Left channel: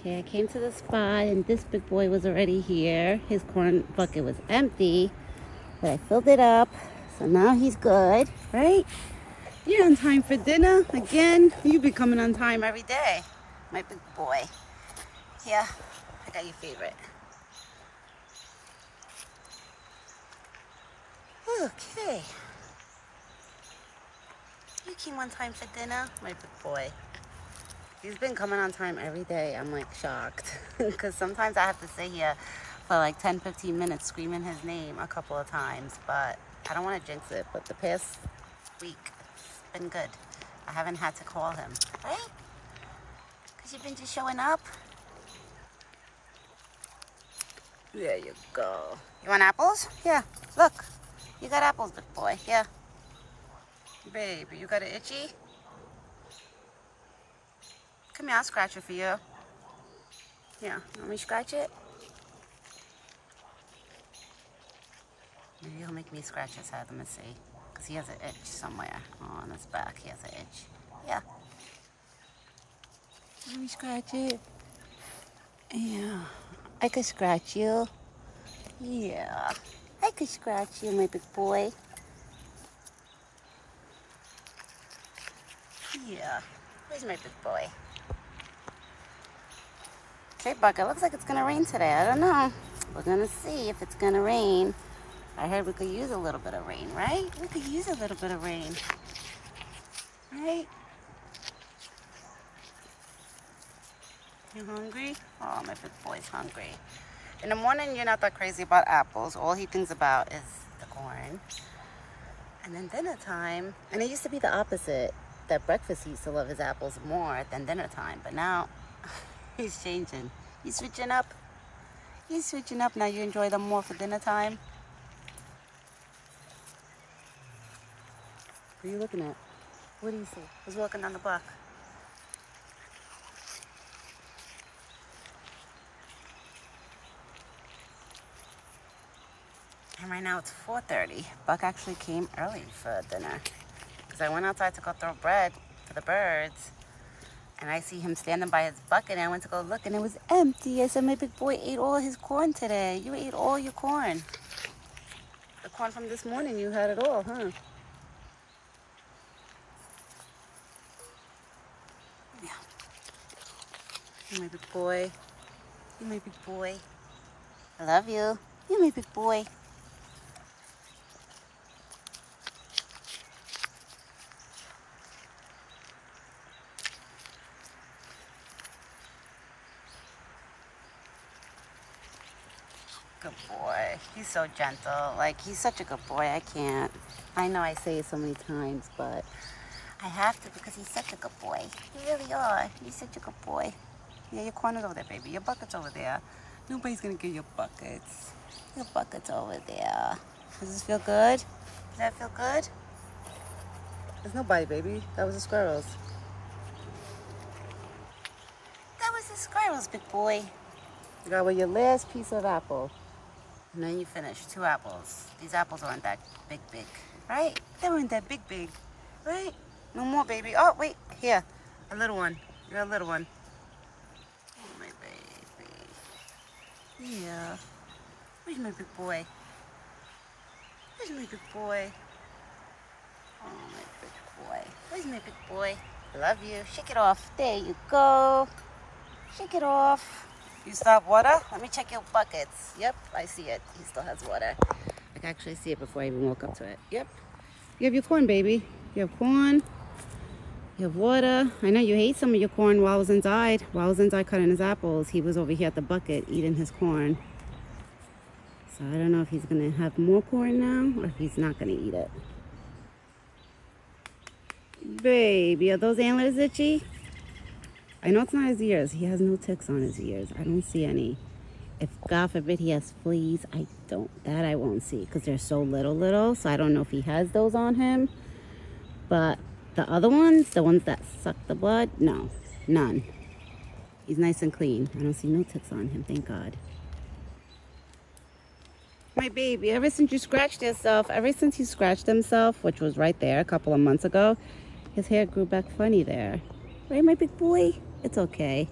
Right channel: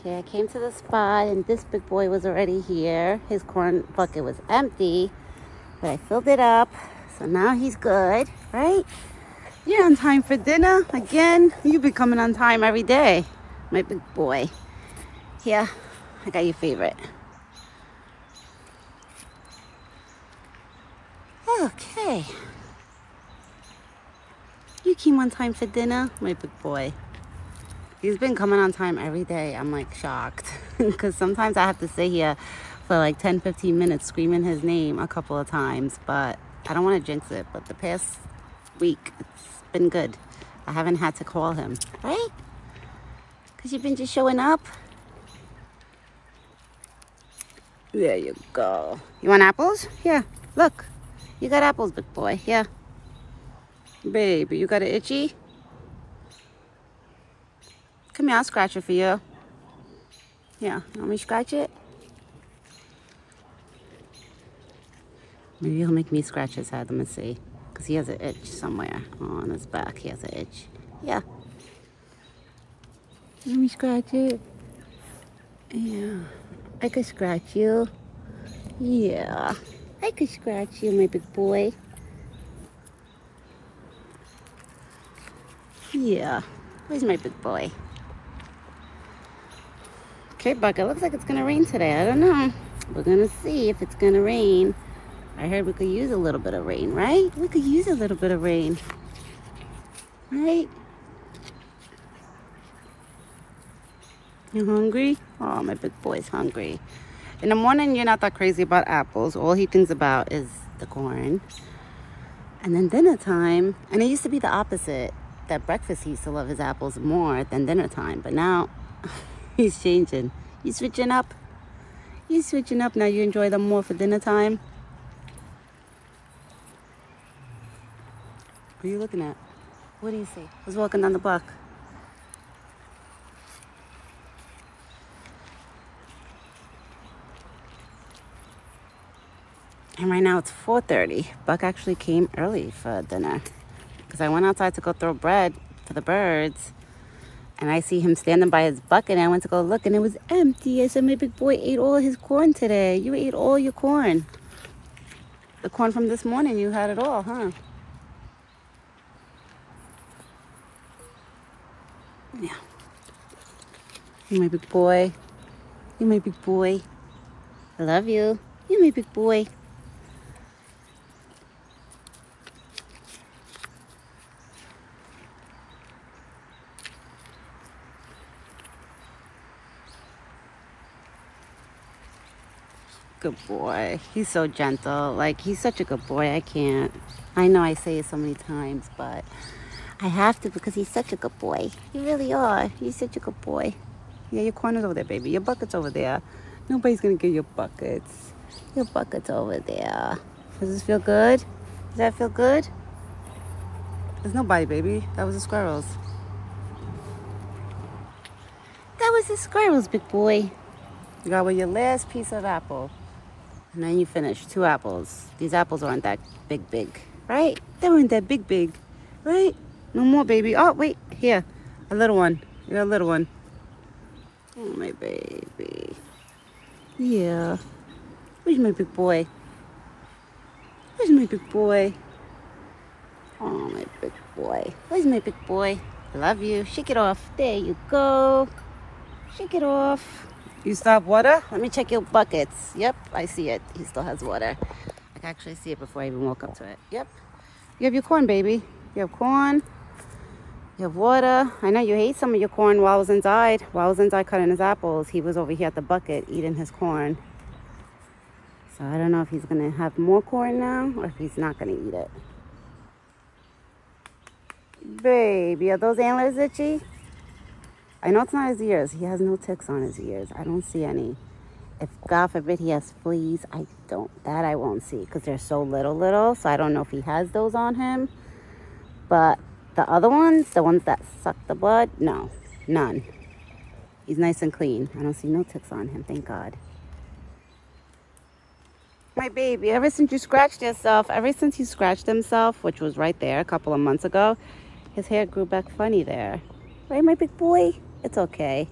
Okay, I came to the spot and this big boy was already here. His corn bucket was empty. So I filled it up. So now he's good, right? You're on time for dinner again. You be coming on time every day, my big boy. Here, I got your favorite. Okay. You came on time for dinner, my big boy. He's been coming on time every day. I'm like shocked because sometimes I have to sit here for like 10-15 minutes screaming his name a couple of times, but I don't want to jinx it. But the past week, it's been good. I haven't had to call him, right? Because you've been just showing up. There you go. You want apples? Here, look. You got apples, big boy. Here. Baby, you got an itchy? Come here, I'll scratch it for you. Yeah, let me scratch it. Maybe he'll make me scratch his head. Let me see. Because he has an itch somewhere. Oh, on his back, he has an itch. Yeah. Let me scratch it. Yeah. I could scratch you. Yeah. I could scratch you, my big boy. Yeah. Where's my big boy? Okay, Buck, it looks like it's gonna rain today. I don't know. We're gonna see if it's gonna rain. I heard we could use a little bit of rain, right? We could use a little bit of rain, right? You hungry? Oh, my big boy's hungry. In the morning, you're not that crazy about apples. All he thinks about is the corn. And then dinner time, and it used to be the opposite. At breakfast, he used to love his apples more than dinner time. But now, he's changing. You switching up? You switching up, now you enjoy them more for dinner time? Who are you looking at? What do you see? Who's walking down the block? And right now it's 4:30. Buck actually came early for dinner because I went outside to go throw bread for the birds. And I see him standing by his bucket and I went to go look and it was empty. I said, my big boy ate all his corn today. You ate all your corn. The corn from this morning, you had it all, huh? Yeah. You my big boy. You my big boy. I love you. You my big boy. Good boy. He's so gentle. Like, he's such a good boy. I can't. I know I say it so many times, but I have to because he's such a good boy. You really are. He's such a good boy. Yeah, your corn is over there, baby. Your bucket's over there. Nobody's going to get your buckets. Your bucket's over there. Does this feel good? Does that feel good? There's nobody, baby. That was the squirrels. That was the squirrels, big boy. You got with your last piece of apple. And then you finish 2 apples. These apples aren't that big, right? They weren't that big, right? No more, baby. Oh, wait, here. A little one. You're a little one. Oh, my baby. Yeah. Where's my big boy? Where's my big boy? Oh, my big boy. Where's my big boy? I love you. Shake it off. There you go. Shake it off. You still have water? Let me check your buckets. Yep, I see it. He still has water. I can actually see it before I even walk up to it. Yep. You have your corn, baby. You have corn. You have water. I know you hate some of your corn while I was inside. While I was inside cutting his apples, he was over here at the bucket eating his corn. So I don't know if he's going to have more corn now or if he's not going to eat it. Baby, are those antlers itchy? I know it's not his ears. He has no ticks on his ears. I don't see any. If, God forbid, he has fleas, that I won't see because they're so little. So I don't know if he has those on him. But the other ones, the ones that suck the blood, no, none. He's nice and clean. I don't see no ticks on him, thank God. My baby, ever since you scratched yourself, ever since he scratched himself, which was right there a couple of months ago, his hair grew back funny there. Right, my big boy? It's okay.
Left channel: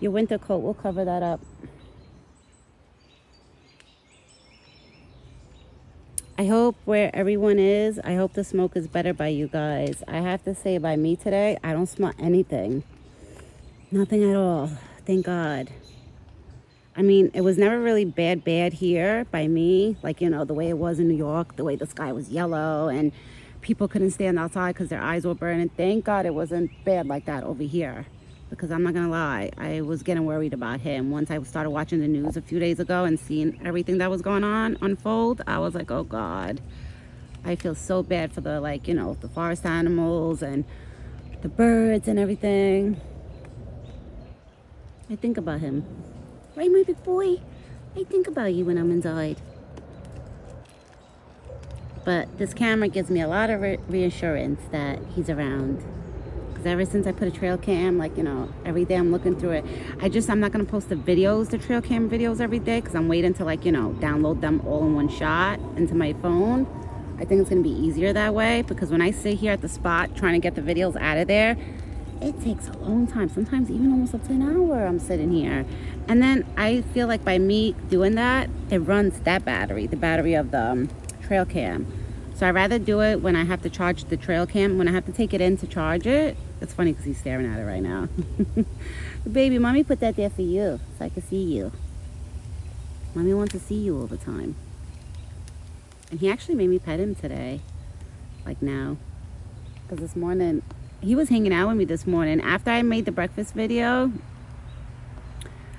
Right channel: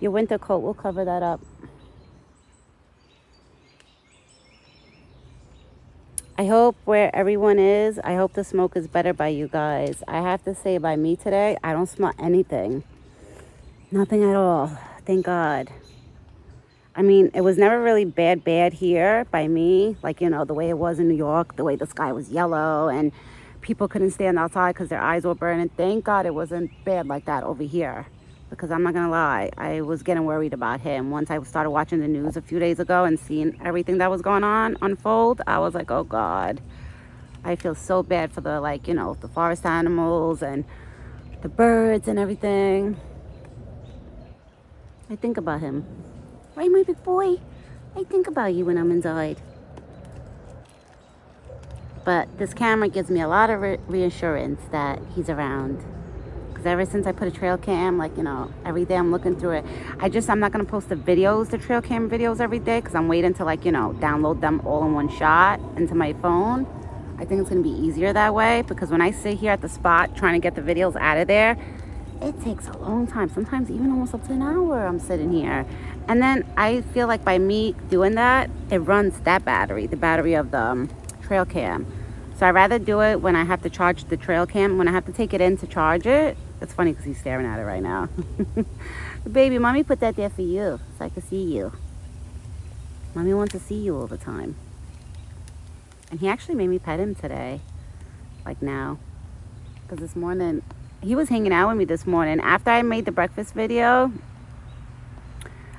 Your winter coat will cover that up. I hope where everyone is, I hope the smoke is better by you guys. I have to say, by me today, I don't smell anything. Nothing at all. Thank God. I mean, it was never really bad here by me. Like, you know, the way it was in New York, the way the sky was yellow and people couldn't stand outside because their eyes were burning. Thank God it wasn't bad like that over here. Because I'm not going to lie, I was getting worried about him. Once I started watching the news a few days ago and seeing everything that was going on unfold, I was like, oh God. I feel so bad for the, like, you know, the forest animals and the birds and everything. I think about him. Right, my big boy? I think about you when I'm inside. But this camera gives me a lot of reassurance that he's around. Because ever since I put a trail cam, like, you know, every day I'm looking through it. I'm not going to post the videos, the trail cam videos every day. Because I'm waiting to, like, you know, download them all in one shot into my phone. I think it's going to be easier that way. Because when I sit here at the spot trying to get the videos out of there, it takes a long time. Sometimes even almost up to an hour I'm sitting here. And then I feel like by me doing that, it runs that battery, the battery of the trail cam. So I'd rather do it when I have to charge the trail cam, when I have to take it in to charge it. It's funny because he's staring at it right now. Baby, mommy put that there for you so I can see you. Mommy wants to see you all the time. And he actually made me pet him today, like now. Because this morning, he was hanging out with me this morning. After I made the breakfast video,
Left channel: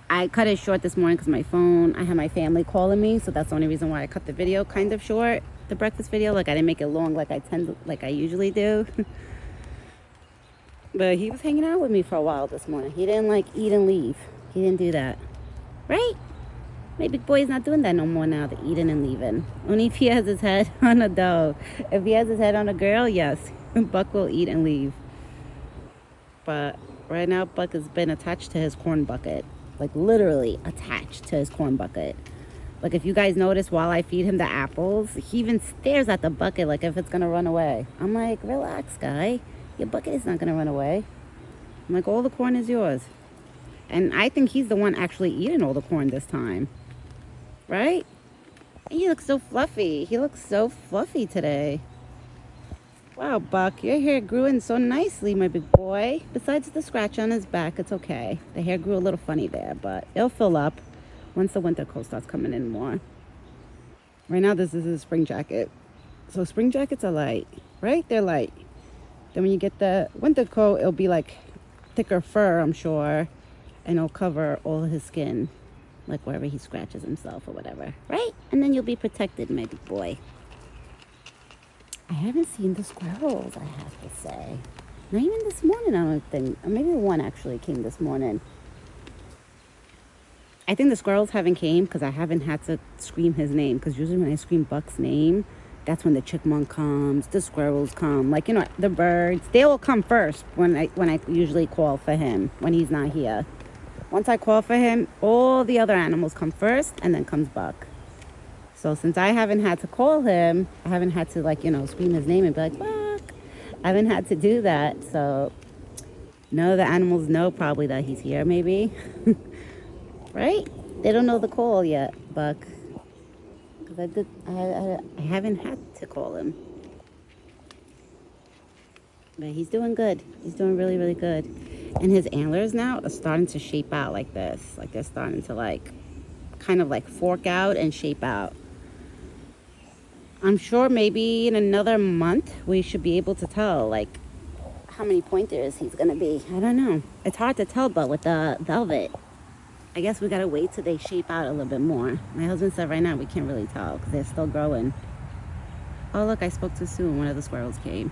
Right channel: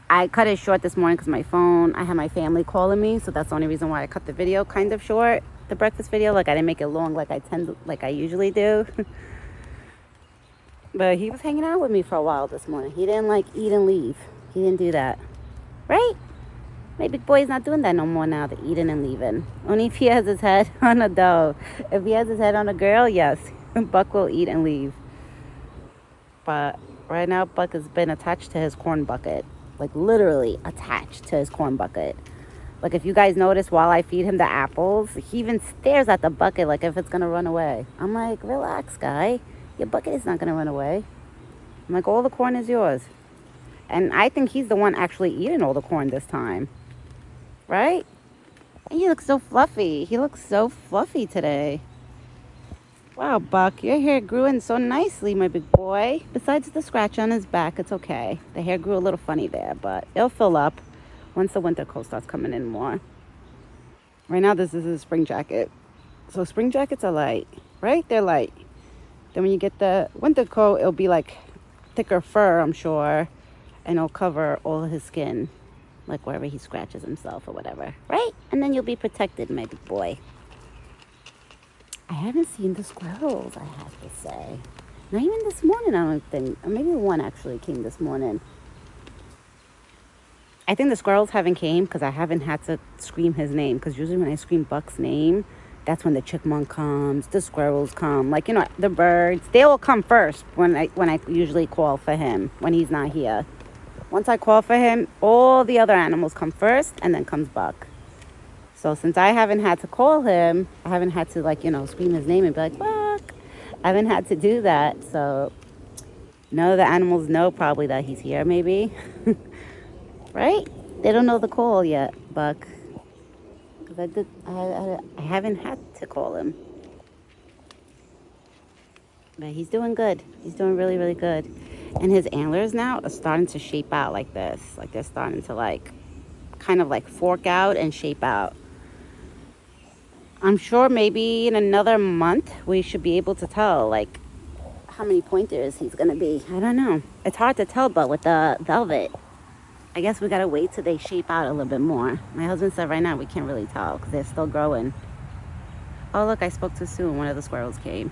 I cut it short this morning because my phone, I had my family calling me. So that's the only reason why I cut the video kind of short, the breakfast video. Like I didn't make it long like I usually do. But he was hanging out with me for a while this morning. He didn't like eat and leave. He didn't do that. Right? My big boy's not doing that no more now, the eating and leaving. Only if he has his head on a doe. If he has his head on a girl, yes. Buck will eat and leave. But right now, Buck has been attached to his corn bucket. Like literally attached to his corn bucket. Like if you guys notice while I feed him the apples, he even stares at the bucket like if it's going to run away. I'm like, relax, guy. Your bucket is not going to run away. I'm like, all the corn is yours. And I think he's the one actually eating all the corn this time. Right? And he looks so fluffy. He looks so fluffy today. Wow, Buck, your hair grew in so nicely, my big boy. Besides the scratch on his back, it's okay. The hair grew a little funny there, but it'll fill up once the winter coat starts coming in more. Right now, this is his spring jacket. So spring jackets are light, right? They're light. Then when you get the winter coat, it'll be like thicker fur, I'm sure. And it'll cover all of his skin, like wherever he scratches himself or whatever, right? And then you'll be protected, my big boy. I haven't seen the squirrels, I have to say. Not even this morning, I don't think. Or maybe one actually came this morning. I think the squirrels haven't came because I haven't had to scream his name. Because usually when I scream Buck's name, that's when the chipmunk comes, the squirrels come. Like, you know, the birds, they all come first when I usually call for him when he's not here. Once I call for him, all the other animals come first and then comes Buck. So since I haven't had to call him, I haven't had to, like, you know, scream his name and be like, Buck. I haven't had to do that. So none of the animals know probably that he's here, maybe. Right? They don't know the call yet, Buck. Because I haven't had to call him. But he's doing good. He's doing really, really good. And his antlers now are starting to shape out like this. Like they're starting to like, kind of like fork out and shape out. I'm sure maybe in another month we should be able to tell like how many pointers he's gonna be. I don't know. It's hard to tell, but with the velvet, I guess we gotta wait till they shape out a little bit more. My husband said right now we can't really tell because they're still growing. Oh look, I spoke too soon. One of the squirrels came.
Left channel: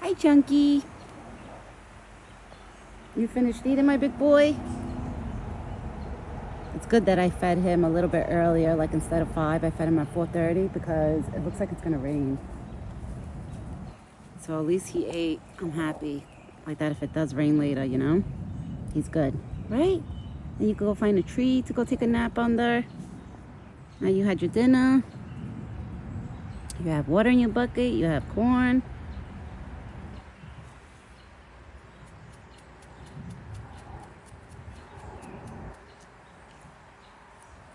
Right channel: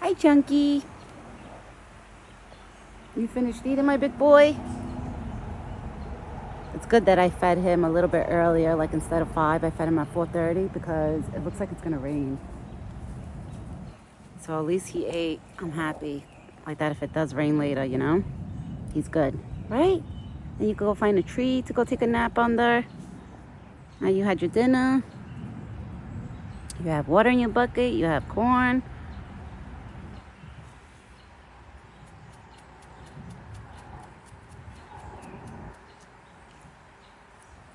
Hi, Chunky. You finished eating, my big boy? It's good that I fed him a little bit earlier, like instead of 5, I fed him at 4:30 because it looks like it's gonna rain. So at least he ate. I'm happy. Like that if it does rain later, you know? He's good, right? Then you can go find a tree to go take a nap under. Now you had your dinner. You have water in your bucket. You have corn.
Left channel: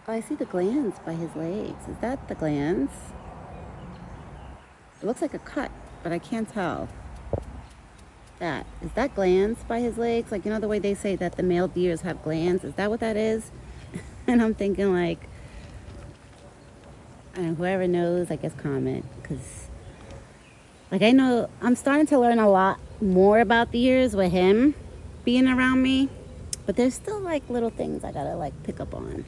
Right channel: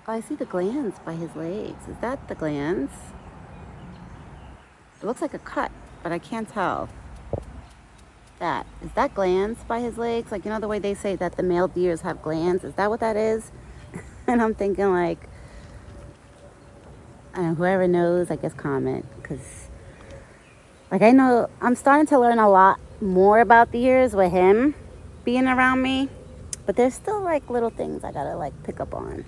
Oh, I see the glands by his legs. Is that the glands? It looks like a cut, but I can't tell. Is that glands by his legs? Like, you know the way they say that the male deers have glands? Is that what that is? And I'm thinking like, I don't know, whoever knows, I guess comment. Because, like, I know I'm starting to learn a lot more about deers with him being around me. But there's still, like, little things I gotta, like, pick up on.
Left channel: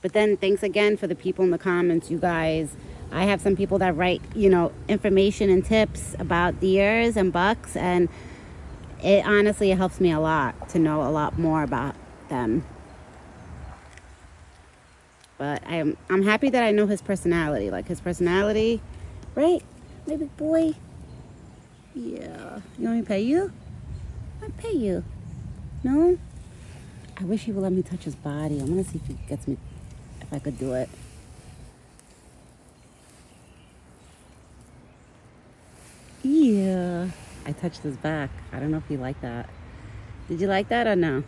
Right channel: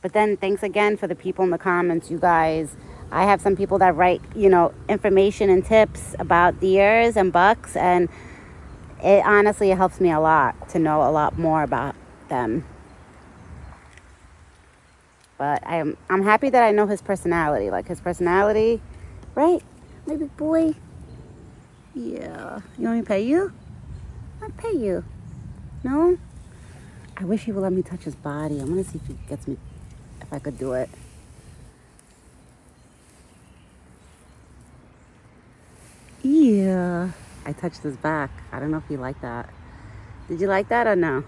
But then thanks again for the people in the comments, you guys. I have some people that write, you know, information and tips about deers and bucks, and it honestly helps me a lot to know a lot more about them. But I'm happy that I know his personality. Like, his personality, right? My big boy. Yeah. You want me to pay you? I'll pay you. No? I wish he would let me touch his body. I'm gonna see if he gets me, if I could do it. Yeah. I touched his back. I don't know if you like that. Did you like that or no?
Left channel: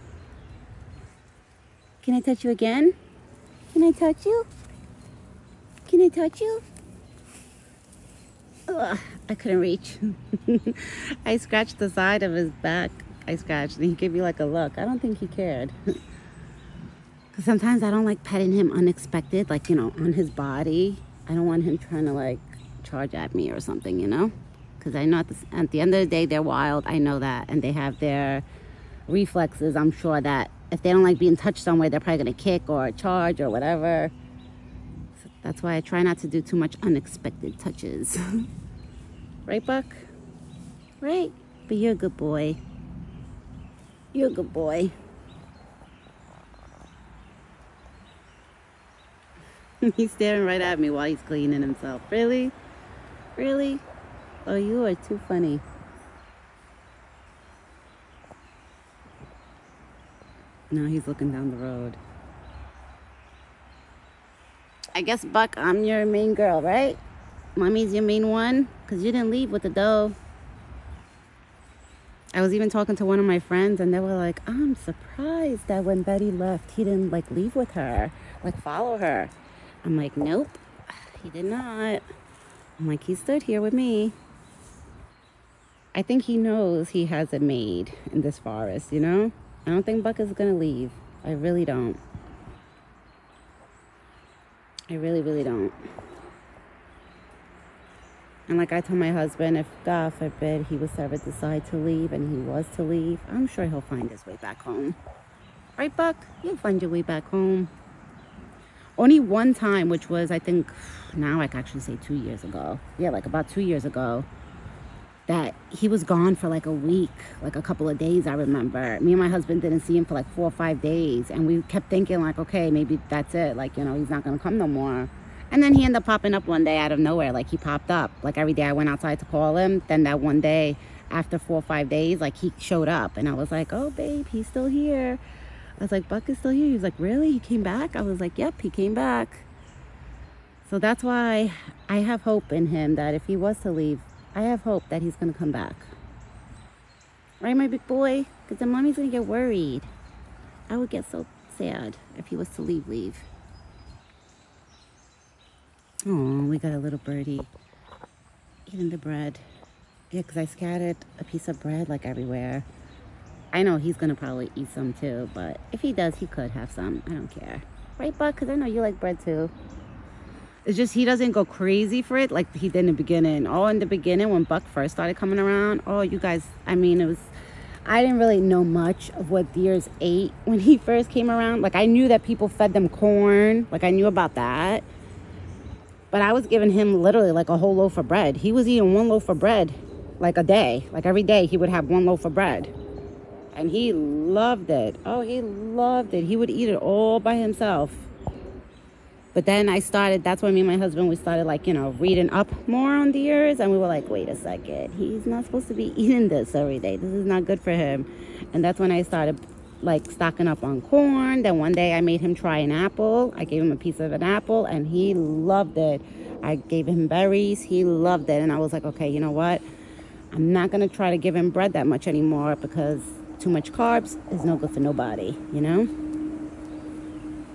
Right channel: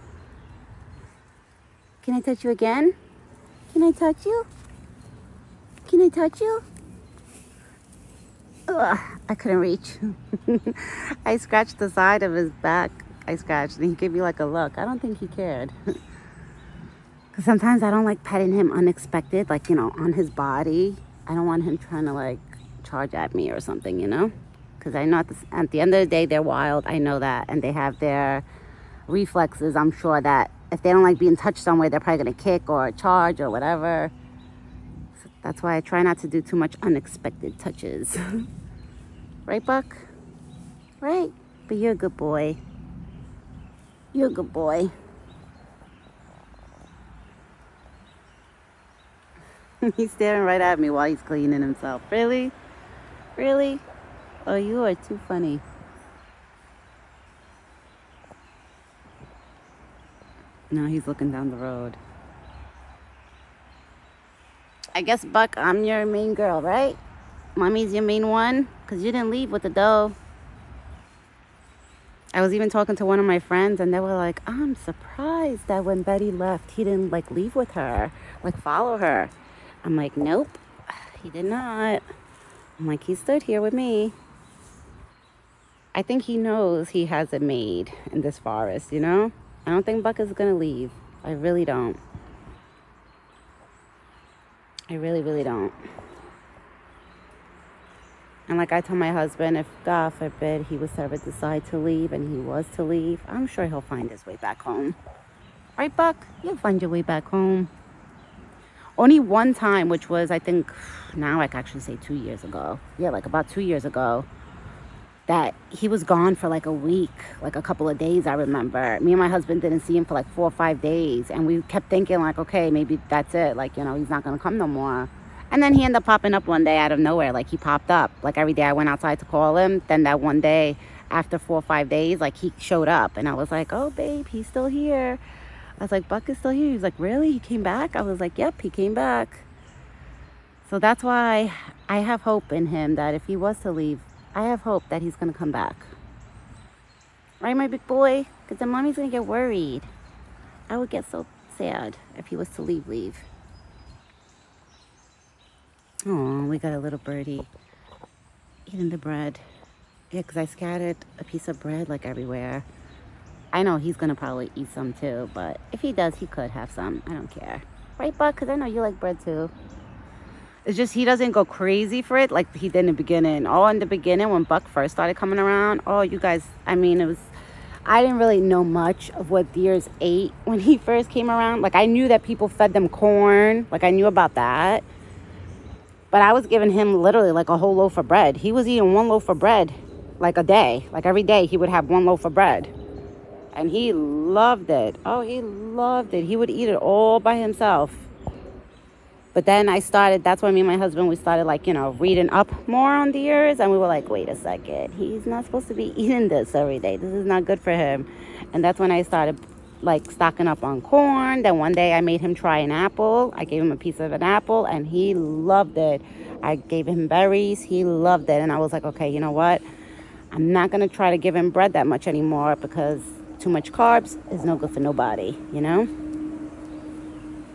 Can I touch you again? Can I touch you? Can I touch you? Ugh, I couldn't reach. I scratched the side of his back. I scratched and he gave me like a look. I don't think he cared. Because sometimes I don't like petting him unexpected, like, you know, on his body. I don't want him trying to like charge at me or something, you know? Because I know at the end of the day, they're wild. I know that. And they have their reflexes. I'm sure that if they don't like being touched somewhere, they're probably going to kick or charge or whatever. So that's why I try not to do too much unexpected touches. Right, Buck? Right? But you're a good boy. You're a good boy. He's staring right at me while he's cleaning himself. Really? Really? Oh, you are too funny. No, he's looking down the road. I guess, Buck, I'm your main girl, right? Mommy's your main one? Because you didn't leave with the dough. I was even talking to one of my friends, and they were like, I'm surprised that when Betty left, he didn't, like, leave with her. Like, follow her. I'm like, nope, he did not. I'm like, he stood here with me. I think he knows he has it made in this forest, you know? I don't think Buck is going to leave. I really don't. I really, really don't. And like I told my husband, if God forbid he was to ever decide to leave, and he was to leave, I'm sure he'll find his way back home. Right, Buck? You'll find your way back home. Only one time, which was, I think, now I can actually say 2 years ago. Yeah, like about 2 years ago. That he was gone for like a week, like a couple of days, I remember. Me and my husband didn't see him for like 4 or 5 days. And we kept thinking like, okay, maybe that's it. Like, you know, he's not going to come no more. And then he ended up popping up one day out of nowhere. Like, he popped up. Like, every day I went outside to call him. Then that one day, after 4 or 5 days, like, he showed up. And I was like, oh, babe, he's still here. I was like, Buck is still here. He was like, really? He came back? I was like, yep, he came back. So that's why I have hope in him that if he was to leave, I have hope that he's going to come back. Right, my big boy? Because then mommy's going to get worried. I would get so sad if he was to leave. Oh, we got a little birdie eating the bread. Yeah, because I scattered a piece of bread like everywhere. I know he's going to probably eat some too, but if he does, he could have some. I don't care. Right, Buck? Because I know you like bread too. It's just he doesn't go crazy for it like he did in the beginning. Oh, in the beginning when Buck first started coming around. Oh, you guys, I mean, I didn't really know much of what deers ate when he first came around. Like, I knew that people fed them corn. Like, I knew about that. But I was giving him literally like a whole loaf of bread. He was eating 1 loaf of bread like a day. Like, every day he would have 1 loaf of bread. And he loved it. Oh, he loved it. He would eat it all by himself. But then that's when me and my husband, we started like, you know, reading up more on deers. And we were like, wait a second. He's not supposed to be eating this every day. This is not good for him. And that's when I started like stocking up on corn. Then one day I made him try an apple. I gave him a piece of an apple and he loved it. I gave him berries. He loved it. And I was like, okay, you know what? I'm not going to try to give him bread that much anymore because too much carbs is no good for nobody, you know?